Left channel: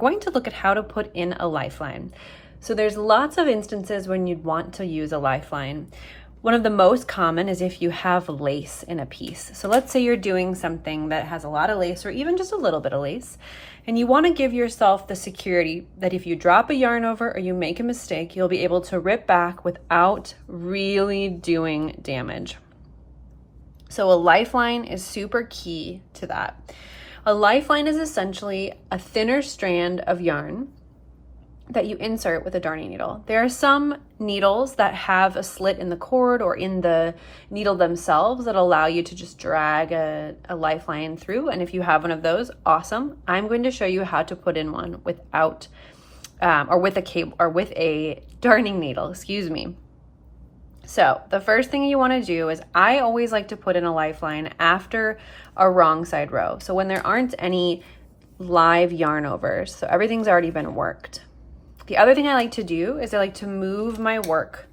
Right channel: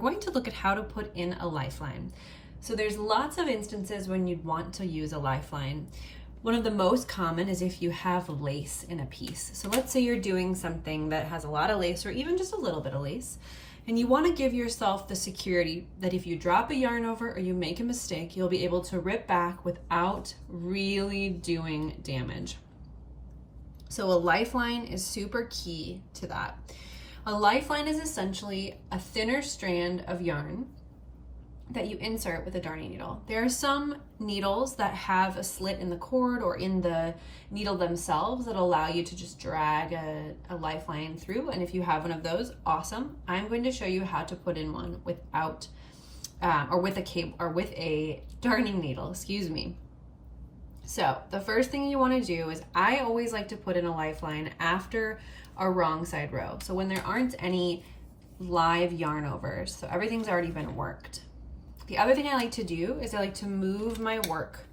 going to look at how to put in a lifeline. So there's lots of instances when you'd want to use a lifeline. One of the most common is if you have lace in a piece. So let's say you're doing something that has a lot of lace or even just a little bit of lace, and you want to give yourself the security that if you drop a yarn over or you make a mistake, you'll be able to rip back without really doing damage. So a lifeline is super key to that. A lifeline is essentially a thinner strand of yarn that you insert with a darning needle. There are some needles that have a slit in the cord or in the needle themselves that allow you to just drag a lifeline through. And if you have one of those, awesome. I'm going to show you how to put in one without, or with a cable or with a darning needle, excuse me. So the first thing you want to do is I always like to put in a lifeline after a wrong side row. So when there aren't any live yarn overs, so everything's already been worked. The other thing I like to do is I like to move my work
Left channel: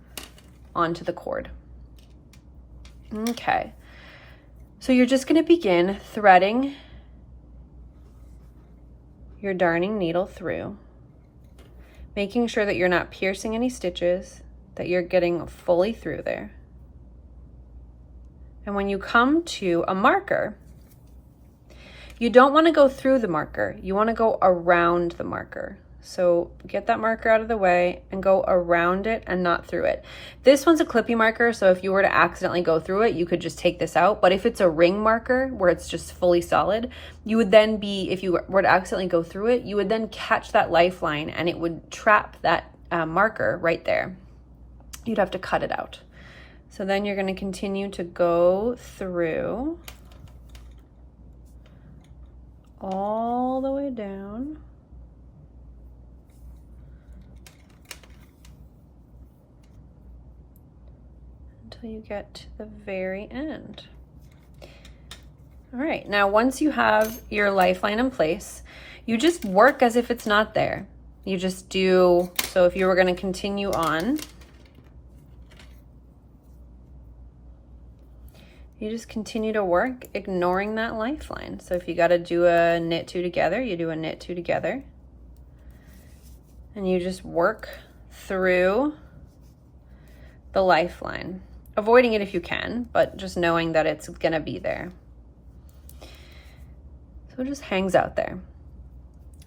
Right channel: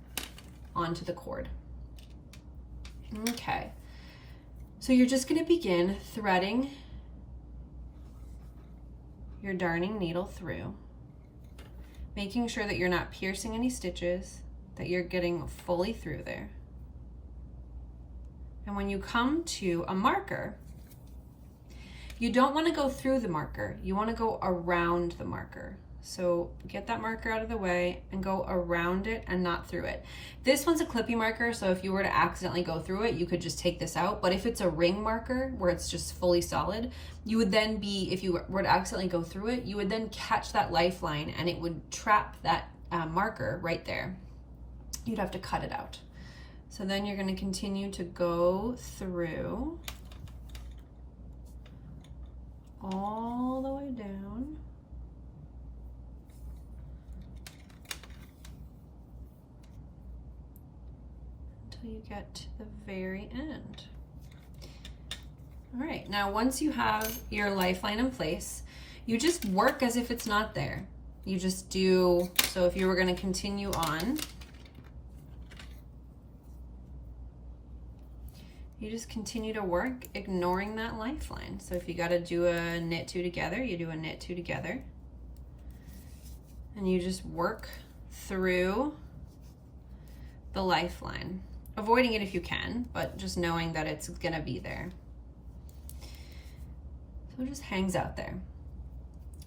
onto the cord. Okay, so you're just going to begin threading your darning needle through, making sure that you're not piercing any stitches, that you're getting fully through there. And when you come to a marker, you don't want to go through the marker, you want to go around the marker. So get that marker out of the way and go around it and not through it. This one's a clippy marker, so if you were to accidentally go through it, you could just take this out. But if it's a ring marker where it's just fully solid, you would then be, if you were to accidentally go through it, you would then catch that lifeline and it would trap that marker right there. You'd have to cut it out. So then you're going to continue to go through all the way down. Until you get to the very end. All right, now once you have your lifeline in place, you just work as if it's not there. You just do, so if you were going to continue on, you just continue to work ignoring that lifeline. So if you got to do a knit two together, you do a knit two together. And you just work through the lifeline, avoiding it if you can, but just knowing that it's gonna be there. So it just hangs out there.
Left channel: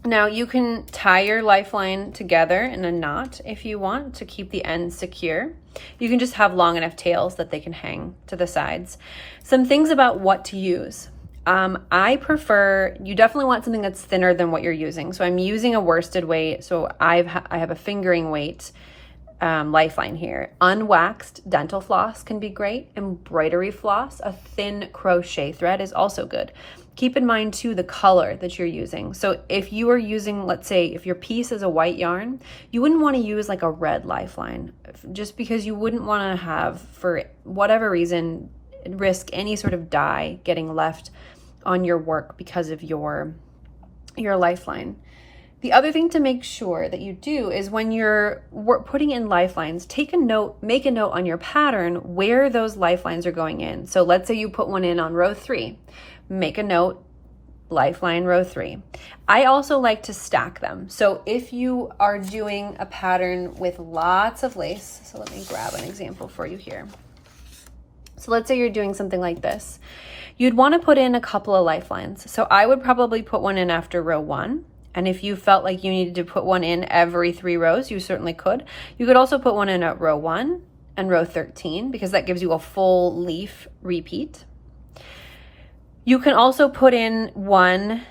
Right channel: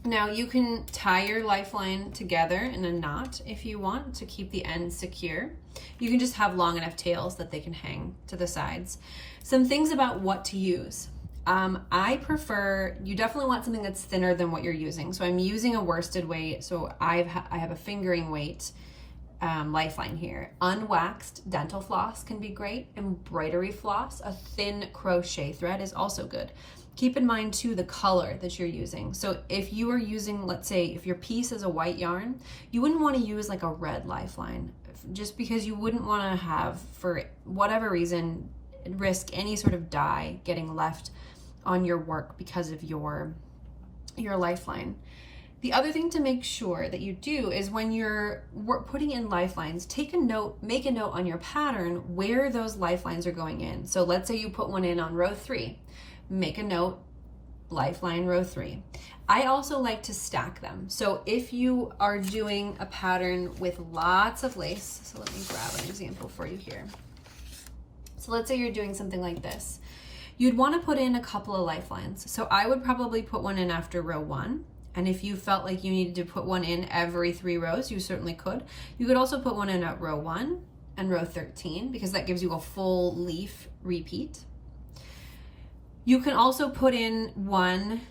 Now you can tie your lifeline together in a knot if you want to keep the ends secure. You can just have long enough tails that they can hang to the sides. Some things about what to use. I prefer, you definitely want something that's thinner than what you're using. So I'm using a worsted weight. So I have a fingering weight lifeline here. Unwaxed dental floss can be great. Embroidery floss, a thin crochet thread is also good. Keep in mind too the color that you're using. So if you are using, let's say if your piece is a white yarn, you wouldn't want to use like a red lifeline, just because you wouldn't want to have, for whatever reason, risk any sort of dye getting left on your work because of your lifeline. The other thing to make sure that you do is when you're putting in lifelines, take a note, make a note on your pattern where those lifelines are going in. So let's say you put one in on row 3, make a note, lifeline row 3. I also like to stack them. So if you are doing a pattern with lots of lace, so let me grab an example for you here. So let's say you're doing something like this. You'd want to put in a couple of lifelines. So I would probably put one in after row 1. And if you felt like you needed to put one in every 3 rows, you certainly could. You could also put one in at row 1 and row 13 because that gives you a full leaf repeat. You can also put in one,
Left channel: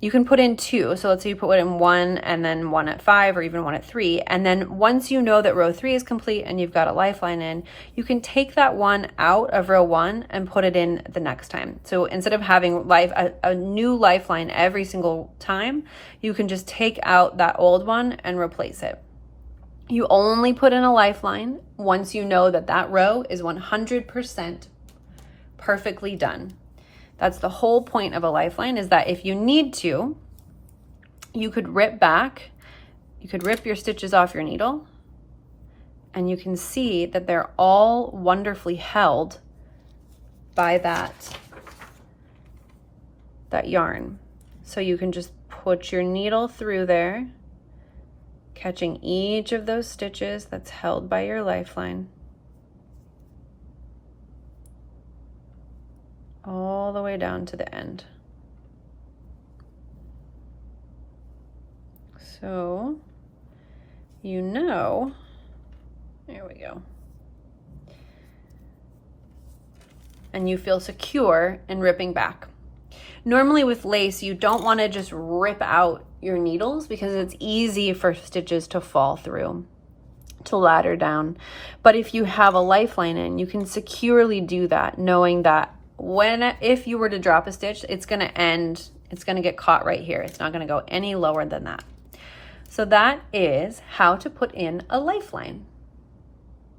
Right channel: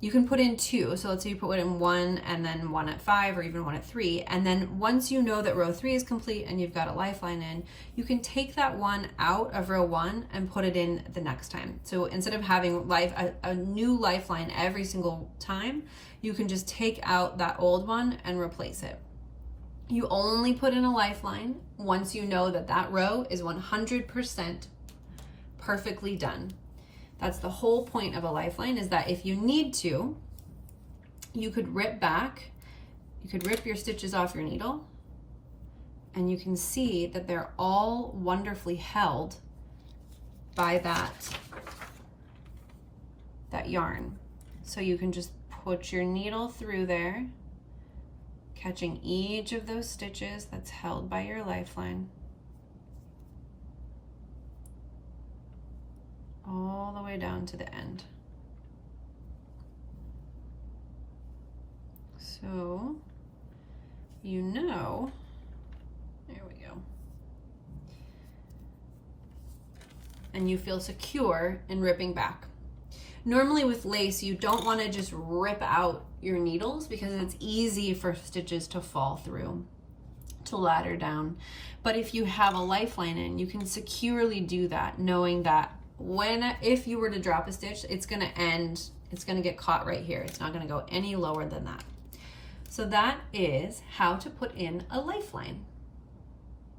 you can put in 2. So let's say you put one in 1 and then 1 at 5 or even 1 at 3. And then once you know that row 3 is complete and you've got a lifeline in, you can take that one out of row 1 and put it in the next time. So instead of having a new lifeline every single time, you can just take out that old one and replace it. You only put in a lifeline once you know that that row is 100% perfectly done. That's the whole point of a lifeline, is that if you need to, you could rip back, you could rip your stitches off your needle, and you can see that they're all wonderfully held by that yarn. So you can just put your needle through there, catching each of those stitches that's held by your lifeline, all the way down to the end. So, you know, there we go. And you feel secure in ripping back. Normally with lace, you don't want to just rip out your needles because it's easy for stitches to fall through, to ladder down. But if you have a lifeline in, you can securely do that, knowing that if you were to drop a stitch, it's going to end, it's going to get caught right here. It's not going to go any lower than that. So that is how to put in a lifeline.